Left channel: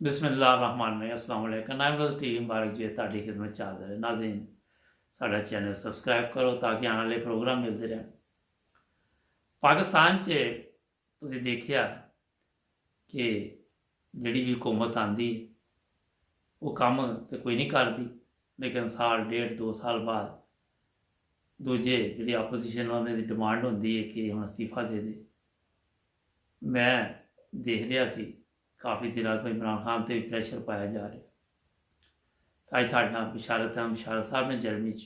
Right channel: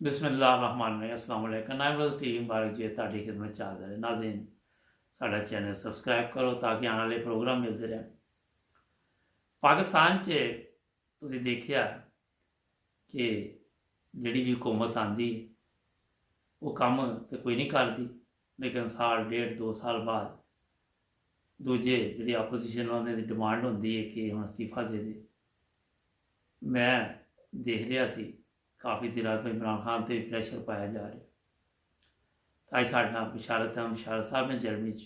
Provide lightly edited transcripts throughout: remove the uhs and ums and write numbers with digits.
बिस्मिल्लाहिर्रहमानिर्रहीम। अस्सलाम वालेकुम। नाइम रोज़ टीवी मुबारक जी ਤੁਹਾਡੀ ਖidmat ਚ ਹਾਜ਼ਰ ਹੈ। नाज़रीन साडा चैनल सबसक्राइब करो ताकि आने वाले प्रोग्राम मिलते रहें। पाकिस्तान च तुसीं देखिया कि ਜਿਹੜੀ ਵੀ हुकूमत आंदी वो कम तो कोई नहीं करती, लेकिन साल डेढ़ 2 साल बाद दूजे ਜਿਹੜੀ ਆਪੋਜੀਸ਼ਨ ਉਹਨਾਂ ਦੀ ਡਿਮਾਂਡ ਹੁੰਦੀ ਹੈ ਕਿ ਹੁਣ ਅਸਤੀਫਾ ਦੇ ਦੇ। मैं देख रहा सी काफ़ी दिनों तो इमरान खान ते प्रेशर पाया जा रहा। अज साढ़े नाल बिशारत अहमद बिशारत साहब ने जर्मनी च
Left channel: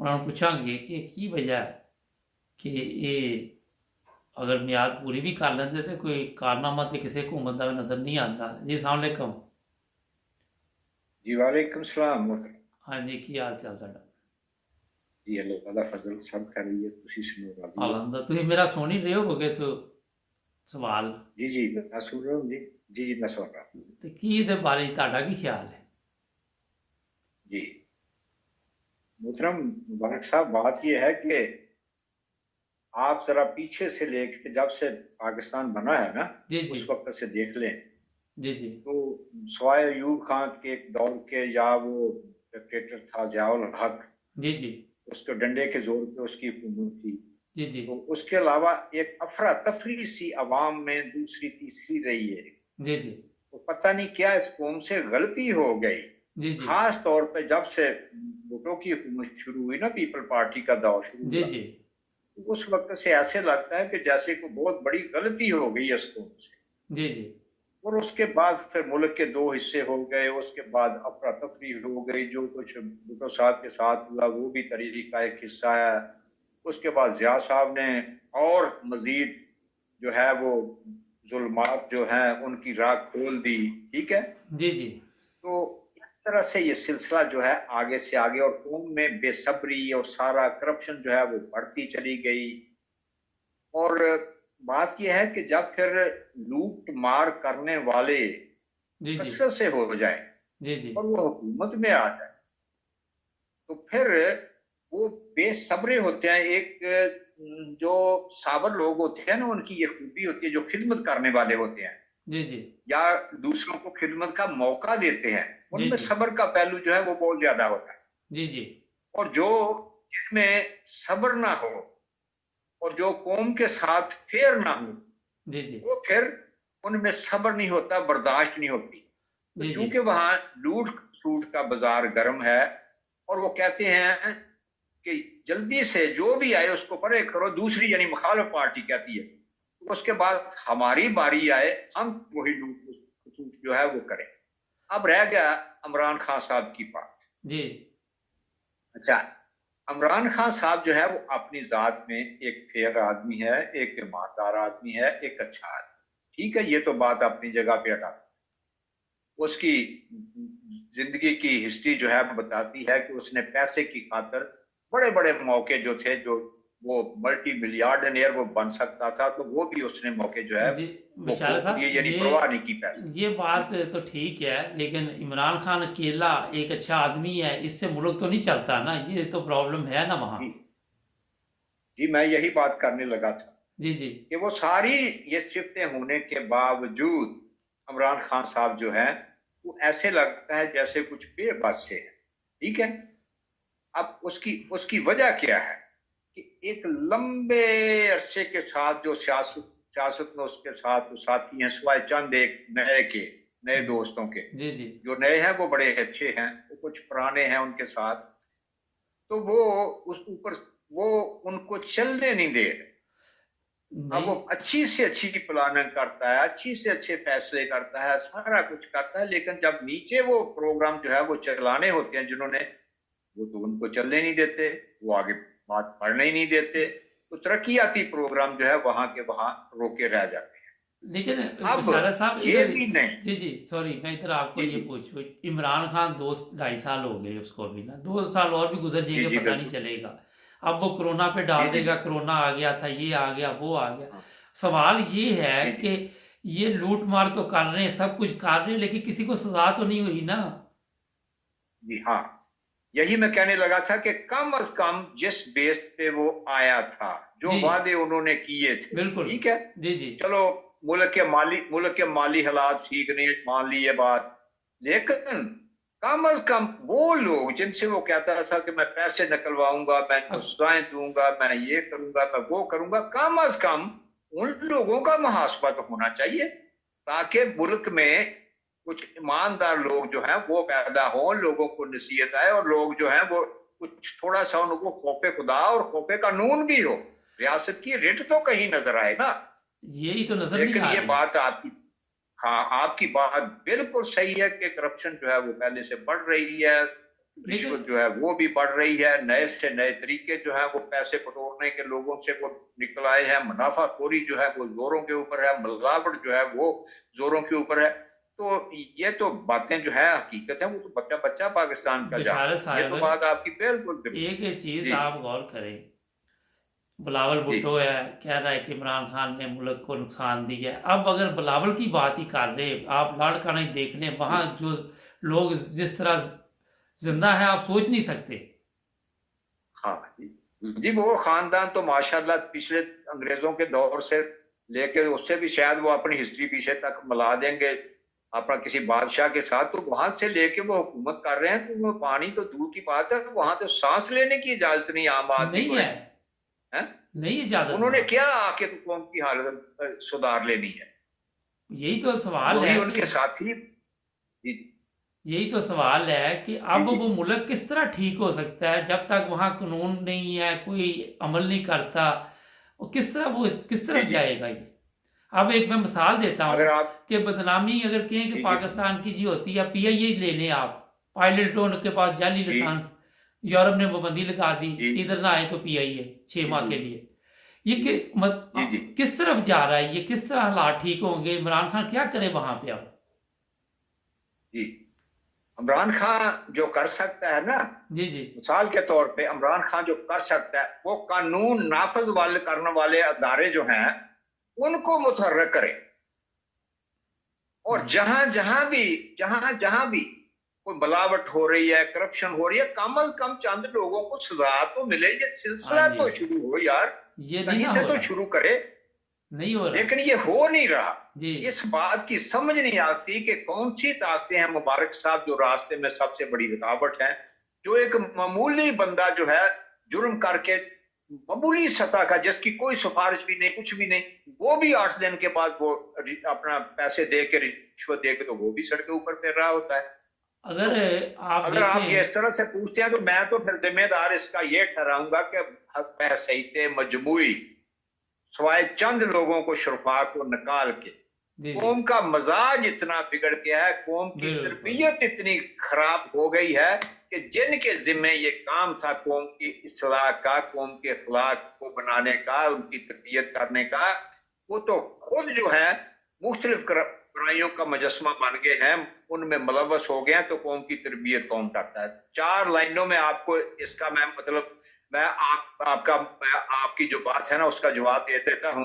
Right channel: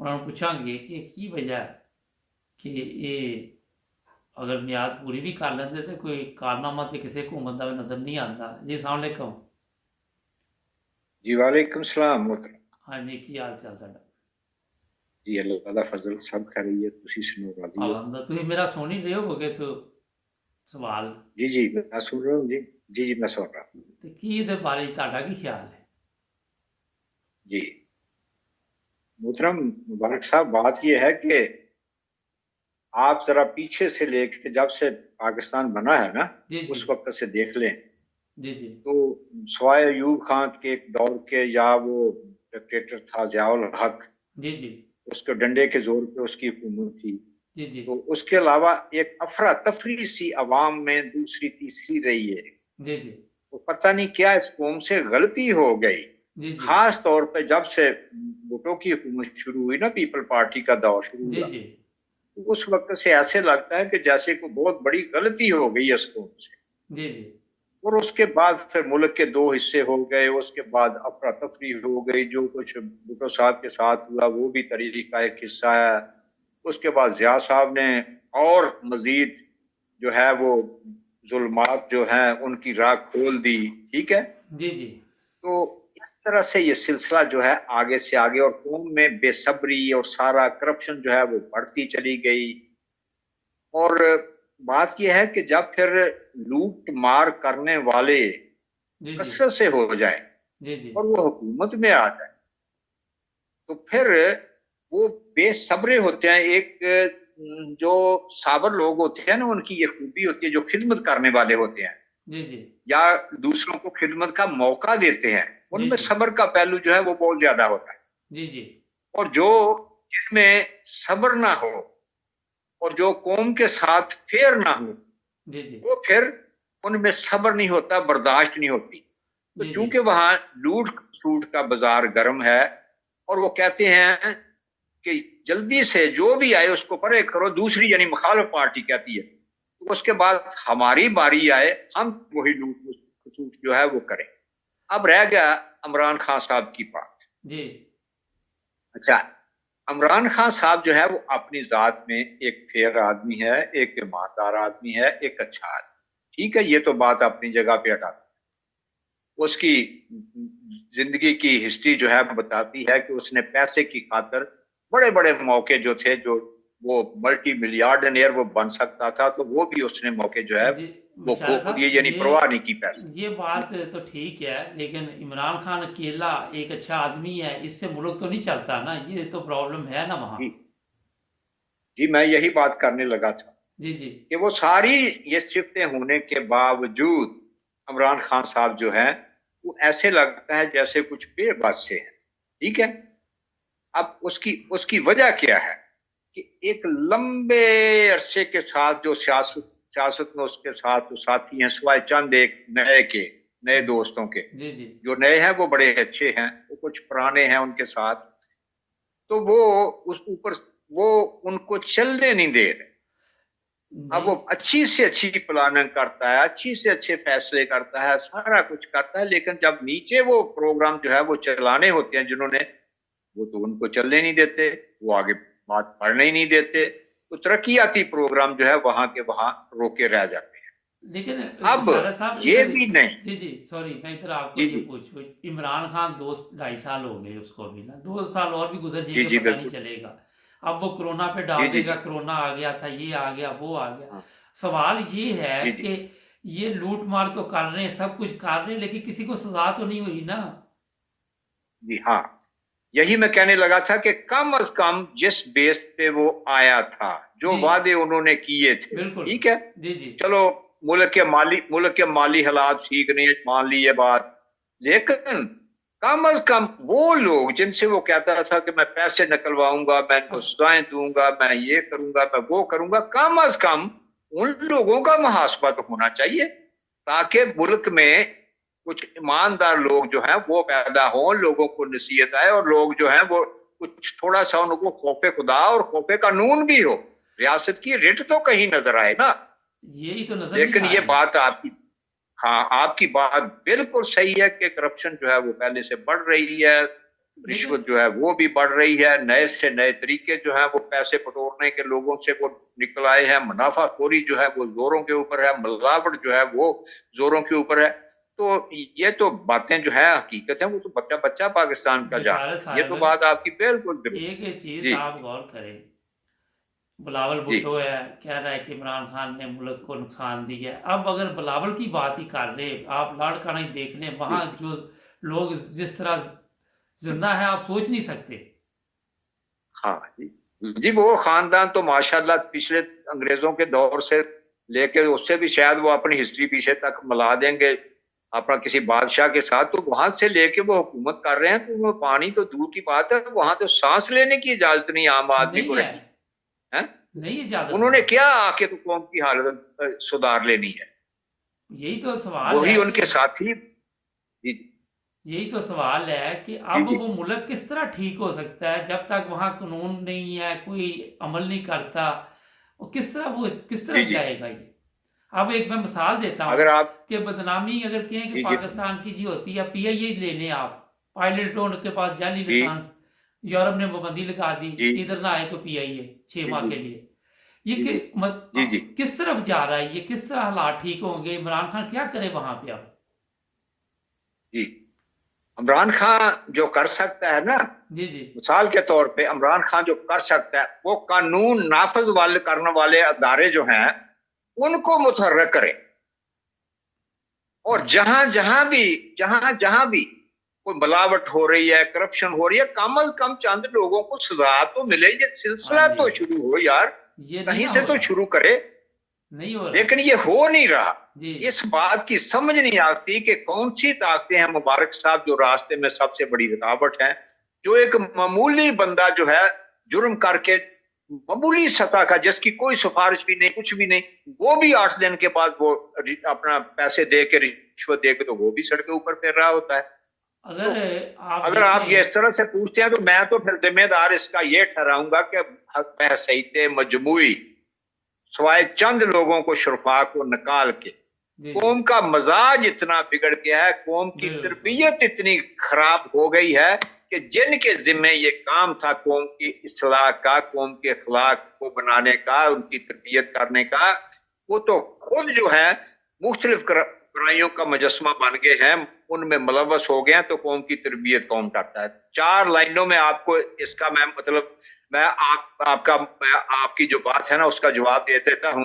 उन्होंने पूछांगे कि की वजह है कि ये अगर मियाद पूरी भी कर लेंदे तो कोई कारनामा तो किसी हुकूमत का भी नज़र नहीं आता। जी अस्सलाम वालेकुम। जी वालेकुम सलाम मोहतरम। हाँ जी, की हाल चाल तुहाडा? जी अल्लाह ताला फजल सब खैरियत तुसी सुनो राजी हो? अलहमदुलिल्लाह। तुसीं मेरा सुन ही रहे होगे सवाल। जी जी मैं सुन रहा हूँ जी। जी जी मैं सुन रहा हूँ। तो की इहदे बारे च तुहाडा की ख्याल है? जी मोहतरम मुबारक साहब, बात यह है कि आप जरा पीछे से लेके जब से पाकिस्तान बना है ना, जी जी उस वक्त से देख लें जी जी तो सवाए अयूब खान के एक दौर के या वो डिक्टेटर था जियाउल हक, जी जी उसके डंडे के जोर पे उसकी हुकूमत थी। जी जी तो उसके अलावा एक अफरा तफरी सी अवाम में दूसरी तीसरी रही है। जी जी तो पता नहीं क्या इस कौम से गलती हो गई, जी जी खास तौर पे जब से भुट्टो की हुकूमत शुरू हुई ना, पीपल पार्टी का दौर शुरू जी हुआ, जी तो उस वक्त से ऐसे लगता है कि जैसे कोई बहुत बड़ी गलती हो गई इस कौम से। जी जी और उसके बाद फिर मुल्क के दो हिस्से हो गए, उसके बाद अफरा तफरी हो गई। जो कुछ भुट्टो साहब के साथ हुआ वो भी तरीके का एक हिस्सा है। उसके बाद जिया साहब ने और मजीद जो है वो जुल्मात जो हैं उनकी राह खोल दी। ठीक है, जी जी तो इस तरह से ये सिलसिला जो है आगे से आगे, और कौम में बेसब्री और सारा करप्शन जो है वो बढ़ती चली गई। और बात यह है कि जब फिर लूट मार करने वाले जी जी कसरत से हो जाए जी जी और वो हुकूमत में आ जाए, तो फिर वो बेसब्रे होते हैं। एक जो साबर लोग होते हैं ना, उनकी ये खूबी होती है, जो खिदमत करने वाले होते हैं जी जी या दूसरों को खिदमत का मौका देते हैं, जी उनमें जी सब्र का पहलू जो है वो बहुत ज्यादा होता है। जी जी और जो जिनमें सब्र ना हो और जो कौम के साथ फेयर ना हो, जी जी वो फिर उनमें सब्र नहीं होता, बर्दाश्त नहीं होती। तो जी चूंकि वहां लूट सूट का बाजार गर्म है और वो कहते हैं कि जल्दी से जो भी आए उसको परे करो, दूसरी यानी मुखालिफ पार्टी कहती है, तो उसके बाद हमारी बारी आए हम वही लूट सूट जो है वो करें। अब रह गया इमरान खान साहब की बात। जी अच्छा, इमरान खान साहब जो है वो अपनी जात में एक फेयर आदमी है, एक ईमानदार आदमी है, एक अच्छा आदमी। ठीक है, ये तो बात अपनी जगह पे हटा। उसकी जिंदगी की हिस्ट्री जो है बताती है कि उसने पैसे की खातर बड़े बड़े मौके जो थे, जो वो मल्टी मिलियार्डनियर वो बन सकता था, तो वो भी उसने मौके जो है जी वो विशाल खो दिए, साहब, यानी परवाह नहीं की पैसे। ये बात तो ठीक है, लेकिन इमरान खान अकेला एक अच्छा आदमी है, इससे मुल्क तो नहीं चलता ना। ये तो प्रॉब्लम है ना वहाँ। जी जी मैं यही बात करने लगा था जी जी कि वो सारी ये सिफतें होने के बावजूद इमरान खान साहब जो है वो ऐसे लगता है जैसे कुछ बेबस से है। ठीक है, अब उसकी उसकी वजह क्या है कि एक लंबे अरसे के साथ जो सियासत सियासत में उसके साथ वो साथी हैं, सिवाय चंद एक नए दोस्तों के। जी जी जो नए हैं वो बड़े अच्छे हैं, वो कुछ पुराने हैं उनके साथ, तो वो उस ऊपर वो उनको चलने नहीं दे रहे। अब नहीं वो अच्छी से अच्छी प्लानिंग करता है, अच्छी से अच्छे फैसले करता है, सारा कुछ करता है, लेकिन जब नीचे वो प्रोग्राम जो है वो चलाने होते हैं जिन्होंने, वो तो उनको चलने नहीं देते, वो आगे बात बढ़ने ही नहीं देते। तो तरक्याती प्रोग्राम जो है वहां के वहां रोके रह जाते हैं। लेकिन अब विशाल साहब ये इधर, भी नहीं। जी जी सॉरी, मैं इधर आपको जी ये जी पूछूं, इमरान खान 2 2.5 साल हो गए उसको, अभी ना 2 साल और भी गुजर जी जाएंगे जी पता नहीं बिल्कुल। चलेगा। अब वो कोरोना पे जी डाल जी देगा, जी कोरोना आ गया था, ये आ गया, वो आ गया। सवाल ये है जी जी कि ये लूट मार तो कर रहे हैं, सब कुछ कर रहे हैं, लेकिन किसी को सजा तो नहीं हुई ना। जी हाँ, यही मैं कहने लगा था कि कम अज कम जिस बेस पे वो आया था, जो जी वादे उन्होंने किए थे, बिल्कुल। ठीक है, जी जी चलो मुल्क के माली हालात ठीक नहीं, मान ली ये बात, लेकिन कम अज कम वो लोग जिनसे वो कहता था कि मैं पैसे निकलवाऊंगा, मैं इनको सजाएं दूंगा, मैं ये करूंगा, मैं वो करूंगा, कम अज कम उन लोगों का मुहासबा तो होना चाहिए, ताकि मुल्क में कुछ ईमानदार लोग जो हैं वो पैदा हों, लोगों को नसीहत आए, और लोग जो हैं वो कुछ थोड़ा सा उनको खौफे खुदा और खौफे कानून भी हो, रियासत की रिट तो कहीं नजर आए ना। यही तो नजर नहीं लेकिन आ ये रही। बात आपकी, हाँ आपकी बात बिल्कुल सही है कि करप्शन जो है वो पहले से बढ़ रही है, रिश्वत जो है वो भी बढ़ रही है, नए से नए तरीके जो है वो पैसे बटोरने के लोगों से वो निकल आए हैं, मुनाफाखोरी जो है वो जोरों के ऊपर है, मिलावट जो है वो जोरों के ऊपर है। तो ये तो बातें जो है हकीकत है, वो तो बच्चा बच्चा पाकिस्तान का बिशारत जानता है, ये तो साहब, बात आपकी बिल्कुल एक चीज जी आप गौर करें, बिलावल जी भुट्टो है कह रहा है कि इमरान खान ने मुल्क को नुकसान दिया है। अब अगर बिलावल की बात ही कर रहे, आप लाड़का नहीं देख लें, वहां जी जो लोग जिस तरह जिंदा है आप सोच नहीं सकते। हाँ जी, वो खानदान तो माशाल्लाह पिछले अंग्रेजों के दौर से लेके उससे भी शायद वो अपनी हिस्ट्री पीछे तक मिला देंगे अपना किसी बादशाह के साथ, तो वहां से लेके वो हुकूमत कर रहे हैं, तो वो पानी तो दूर की बात है, वहां तो सांस लेने की इजाजत नहीं आम आदमी नहीं को है, रही है। नहीं इजाजत उन्होंने वहां। क्या आके तो कौम की हालत सुधार लेनी है, यही तो सवाल वही है कि उनके साथी जी यही तो सवाल है कि जी अब जी वो मुल्क किस तरह ठीक हो सकता है जब तक वहां कानून नहीं है, कोई अमल नहीं करता। वो किस जी तरफ जी। जाएगा ये। अब एक मैं मिसाल देता हूँ अगर आप कि बदनामी अगर कहें कि जी जी पाकिस्तान की जी होती है, पीआईए ले लें आप, पायलटों के पास जाली जी लाइसेंस, यूरोप ने पाबंदी लगा दी जी कि इधर ना आए को पीआईए 6 माह जी के लिए। ये जी जी जी जी किस तरफ जा रहा है, ये किस तरह हालात ठीक होंगे, इमरान खान क्या करे वहां पे अब। जी। इमरान खान जो कर सकता है ना, जी जी मिसाल के तौर पे इमरान खान जो कर सकता है वो कानून नाफज वाले करने वाले अदारे जो हैं उनको मुतहर्रिक करे, और जहां जहां भी कोई मिलावट हो रही है, करप्शन हो रही है, कम अज कम चंद लोगों को सजा तो मिले, ये हाँ सिलसिला जी, तो शुरू हो यार, ये नहीं कहीं ना से हो तो रहा, शुरू करे। नहीं हो रहा लेकिन ये हो नहीं रहा, जी इस बात की समझ नहीं आती कि कौन सी ताकतें हैं मुबारक साहब जो रास्ते में सबसे बड़ी रुकावट है, जो एक मामूली बंदा जो है जुर्म करके मामूली सतह का जिसकी कोई सिफारिश भी नहीं कुछ भी नहीं, वो भी 8 दिन के बाद वो अपना पैसे दे के रिश्वत दे के तो वो भी सड़क ऊपर फिर रहा होता है। तो अगर आप अगर आप ये देखें। इस तरह से पूछते हैं तो मैं तो फिर जिम्मेदार इसका ये ठहराऊंगा कि सहीते मजमूई सवाए चंद लोगों को शुरफा को निकाल के जी जी कौम का मजाज इतना बिगड़ गया है, कौम की बिल्कुल तरबियत इतनी खराब हो गई है कि जिनके जिम्मे ये काम था कौम की इस्लाह का, कौम के अखलाक को बनाने का, उनकी तरबियत करने का, वो तो खुद जो है मुख्तलिफ बुराइयों का मुजस्मा बन गए हैं, उनमें मुलव्वस हो गए हैं, तो कौम की तरबियत कौन करता है। 4 लाइनों में आपको इसका मैं मतलब मैं आपकी जो बात है ना उसका जवाब दे देता हूं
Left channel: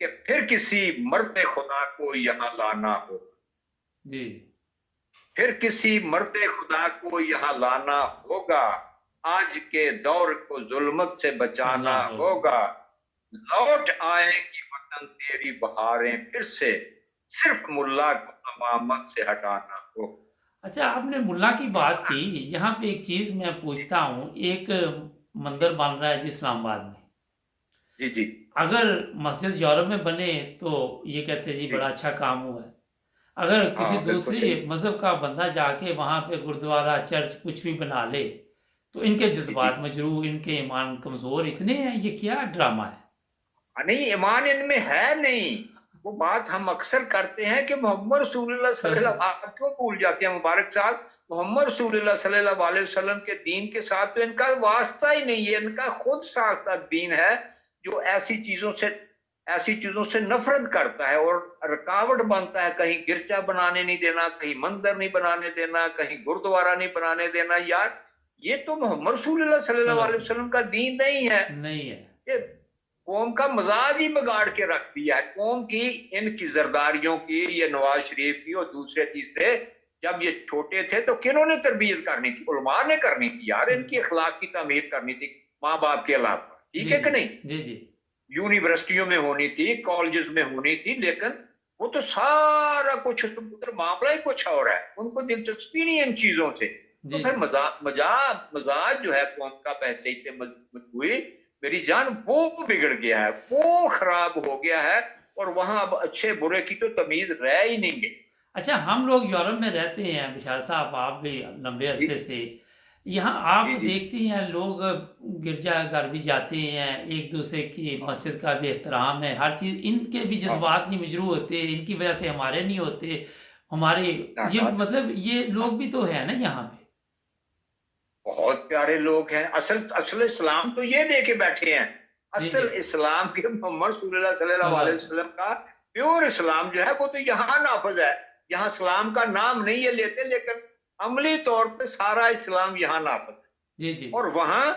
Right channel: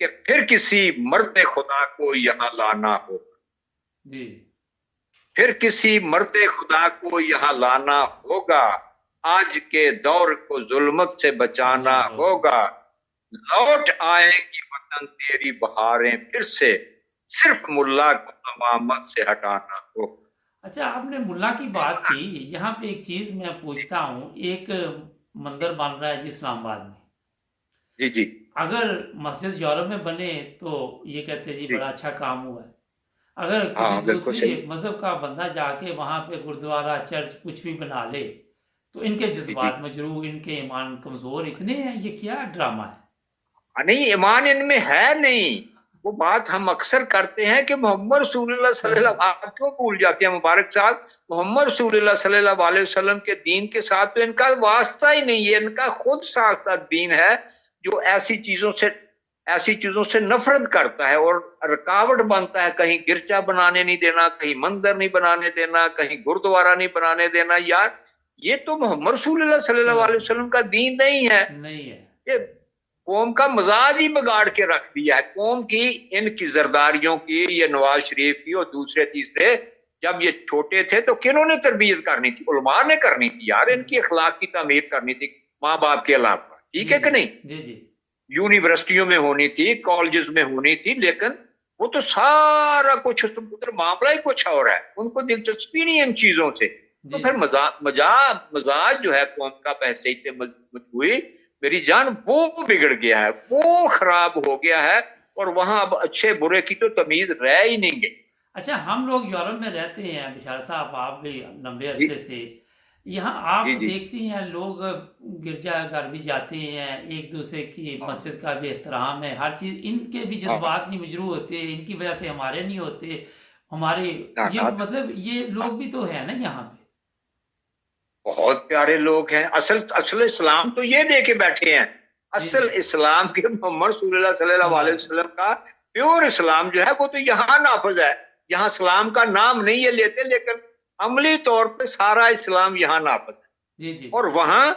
कि फिर किसी मर्द खुदा को यहाँ लाना हो, जी फिर किसी मर्द खुदा को यहाँ लाना होगा, आज के दौर को जुल्मत से बचाना जाना होगा। होगा, लौट आएगी वतन तेरी बहारें फिर से, सिर्फ मुल्ला को अमामत से हटाना हो। अच्छा, आपने मुल्ला की बात की, यहाँ पे एक चीज मैं पूछता हूँ, एक मंदिर बन रहा है जी इस्लामाबाद में। जी जी अगर मस्जिद यूरोप में बने तो ये कहते हैं जी जी बड़ा अच्छा काम हुआ है। अगर किसी हाँ बिल्कुल दूसरी सही मजहब का बंदा जाके वहां पे गुरुद्वारा चर्च कुछ भी बना ले तो इनके जी जी। जज्बात मजरूह, इनके ईमान कमजोर इतने हैं, ये क्या ड्रामा है। नहीं ईमान इनमें है नहीं, वो बात हम अक्सर करते हैं कि मोहम्मद रसूलुल्लाह सल्लल्लाहु अलैहि वसल्लम, आप क्यों भूल जाते हैं मुबारक साहब, मोहम्मद रसूलुल्लाह सल्लल्लाहु अलैहि वसल्लम के दीन के साथ तो इनका वास्ता ही नहीं है, इनका खुद साख्ता दीन है जो ऐसी चीजों से नफरत करता है और रुकावट बनता है। कहीं गिरजा बनाने नहीं देना, कहीं मंदिर नहीं बनाने देना, कहीं गुरुद्वारा नहीं बनाने देना। यार ये तो मोहम्मद रसूलुल्लाह सल्लल्लाहु अलैहि वसल्लम का दीन नहीं है, नहीं है। ये कौम का मजाज ही बिगाड़ के रख दिया है, कौम की इनकी जरदारियों की, ये नवाज शरीफ की और दूसरे तीसरे, जब ये छोटे थे तो किन्होंने तरबियत करनी थी, उलमा ने करनी थी यार, इनकी अखलाक की तामीर करनी थी माँ बाप के अलावा, ठीक जी है जी कि नहीं। जी जी यूनिवर्सिटियों में होनी थी, कॉलेजेस में होनी थी, लेकिन वो तो सारा कुछ उधर मामला ही कुछ और है, उनको दिलचस्पी नहीं है इन चीजों से। तो जी फिर जी। मजाज जो है कौम का पैसे इतने मजबूत हुई, मेरी जान, वो बिगड़ गया है, वो खराब हो गया है। और वहां अब अच्छे बुरे की तो तमीज रह ही नहीं गई। अच्छा, हम लोग यूरोप में रहते हैं विशाल साहब, आप भी लंबे जी अरसे से। यहाँ जी आप जी। देखते हैं लोग गिरजाघर भी जाते हैं, एक दूसरे की हाँ मस्जिद का भी एहतराम है, हर चीज़, इनके भी हाँ। जज्बात नहीं मजरू होते, इनकी वजह से हमारे नहीं होते। हमारे ना ये ना। मतलब ये हाँ, लोग भी तो है ना यहाँ पे। बहुत प्यारे लोग हैं। असल असल इस्लाम तो ये लेके बैठे हैं। जी जी। असल इस्लाम के मोहम्मद सल्लल्लाहु अलैहि सल्लल्लाहु। वसल्लम का प्योर इस्लाम जो है वो तो यहाँ नाफज है। यहाँ इस्लाम का नाम नहीं है लेते, लेकिन अमली तौर पे सारा इस्लाम यहाँ नाफज जी जी। है। और वहां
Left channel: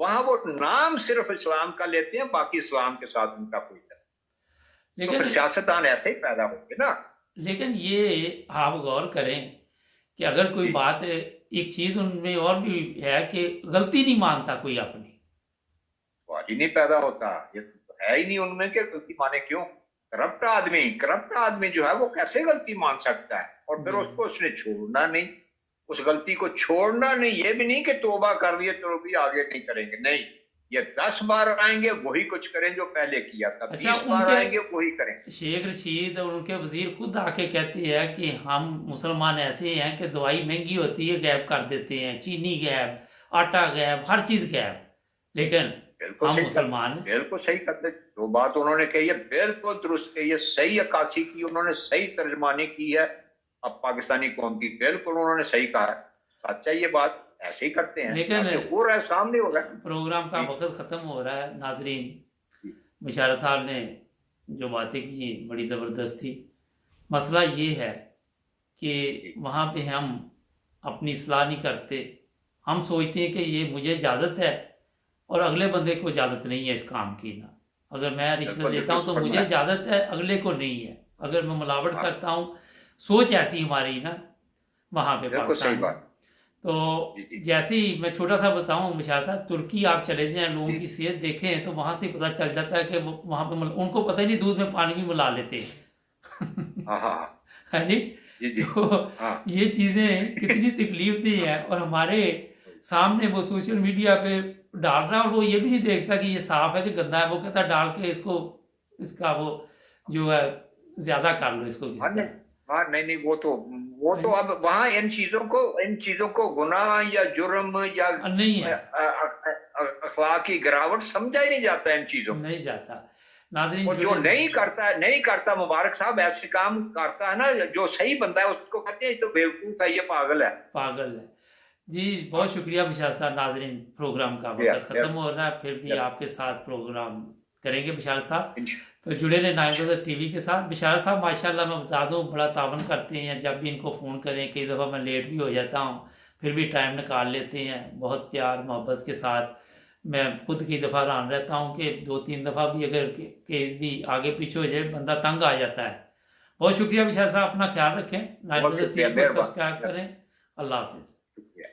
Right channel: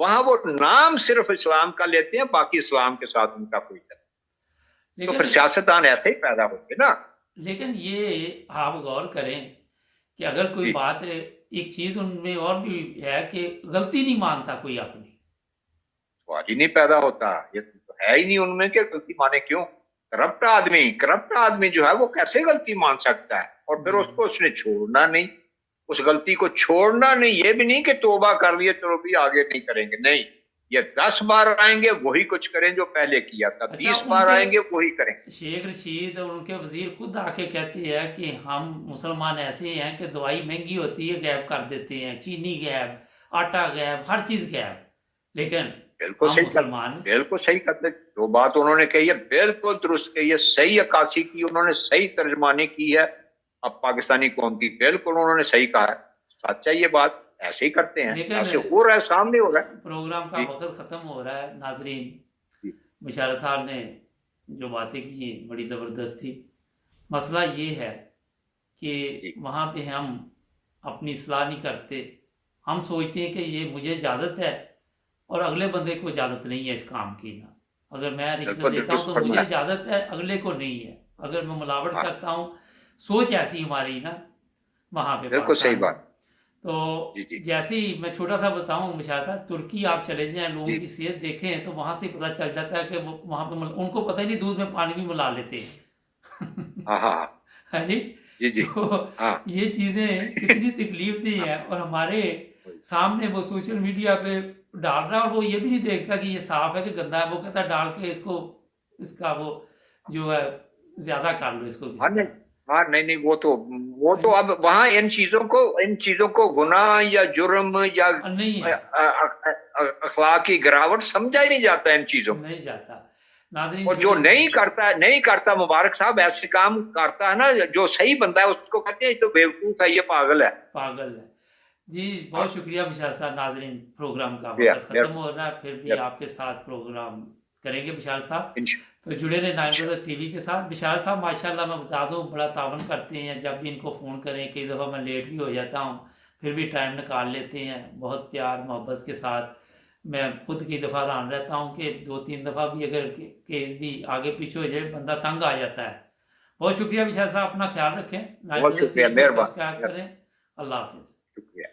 वहां वो नाम सिर्फ इस्लाम का लेते हैं, बाकी इस्लाम के साथ उनका कोई तरह। तो फिर लेकिन सियासतदान ऐसे ही पैदा होंगे ना। लेकिन ये आप गौर करें कि अगर कोई जी, बात, एक चीज़ उनमें और भी है कि गलती नहीं मानता कोई अपनी। सवाल ही नहीं पैदा होता। ये तो है ही नहीं उनमें कि गलती माने क्यों। करप्ट आदमी जो है वो कैसे गलती मान सकता है, और फिर जी उसको उसने छोड़ना नहीं। उस गलती को छोड़ना नहीं, ये भी नहीं कि तौबा कर लिए तो भी आगे नहीं करेंगे, नहीं। ये 10 बार आएंगे वही कुछ करें जो पहले किया था, अच्छा, 20 बार उनके आएंगे वही करें। शेख रशीद और उनके वजीर खुद आके कहते हैं कि हम मुसलमान ऐसे हैं कि दवाई महंगी होती है गायब कर देते हैं, चीनी गायब, आटा गायब, हर चीज़ गायब, लेकिन बिल्कुल हम सही कर मुसलमान। बिल्कुल सही करते। जो बात उन्होंने कही है बिल्कुल दुरुस्त कही है, सही अक्कासी की उन्होंने, सही तर्जमानी की है। अब पाकिस्तानी कौम की बिल्कुल उन्होंने सही कहा है। सच्चा ये बात, ऐसे ही करते हैं, लेकिन ऐसे हो रहा है, सामने हो रहा है। प्रोग्राम का जी वक्त ख़त्म हो रहा है नाजरीन। जी मुशारा साहब ने जो बातें की बड़ी ज़बरदस्त थी। मसला ये है कि जी। वहाँ पे हम अपनी इस्लाह नहीं करते। हम सोचते हैं कि ये मुझे इजाज़त है और अगले बंदे को इजाज़त नहीं है इस काम की ना। अगर मैं रिश्वत बिल्कुल लेता हूँ दुरुस्त तो मुझे फरमाया। इजाज़त है, अगले को नहीं है। अगर मैं मिलावट हाँ, करता हूँ, सोच ऐसी हमारी ना वहाँ पे बिल्कुल सही पाकिस्तान में। बात। तो जी जी जैसे ही मैं छोटा सा बताऊँ मुशाह साहब, तुर्की आप चले जाएं, लोगों जी। की सेहत देखें तो वहाँ से पता चल जाता है कि वो वहाँ पे उनको पता ही नहीं, दूध में पानी भी मिला लेते हैं। हाँ हाँ हाँ। है नहीं। जी जी। तो हाँ। ये चीज़ें कितनी तकलीफ दी हाँ, हैं, और हमारे सामने वो सोशल मीडिया पे डाल रहा है, और वो ये भी नहीं देखता कि ये साफ है कि गंदा है। वो कहता है डाल के इसको, इसका वो जो है ज़्यादा कर लो इसको किसी हाँ नहीं। तरह। हाँ नहीं नहीं, वो तो अब वहां इन चीजों को गुनाह या जुर्म या नहीं है, अखलाक की गिरावट समझा ही नहीं जाता इन चीजों को। नहीं जाता। नाजरीन और जो जुड़े नहीं रहें। करता, नहीं करता, मुबारक साहब ऐसे काम करता है ना, जो सही बंदा है उसको कहते हैं ये तो बेवकूफ है, ये पागल है। पागल है। जी, हाँ। बहुत शुक्रिया विशाल साहब। नाजरीन, प्रोग्राम का या, वक्त या, ख़त्म हो रहा है, फिर भी या, आपके साथ प्रोग्राम करेंगे विशाल साहब। इंश- तो जुड़े रहे नाइन इंश- ब्रदर्स टीवी के साथ। विशाल साहब माशाल्लाह मैं बता दूं बड़ा तावन करते हैं, जब भी इनको फ़ोन करें, कई दफ़ा मैं लेट भी हो जाता हूं, फिर भी टाइम निकाल लेते हैं, बहुत प्यार मोहब्बत के साथ। मैं खुद कई दफ़ा हैरान रहता हूं कि 2-3 दफ़ा भी अगर केस भी आगे पीछे हो जाए बंदा तंग आ जाता है। बहुत शुक्रिया विशाल साहब, अपना ख्याल रखें, नाइन बहुत ब्रदर्स शुक्रिया, टीवी को मेहरबान। सब्सक्राइब करें। अल्लाह हाफिज़। शुक्रिया।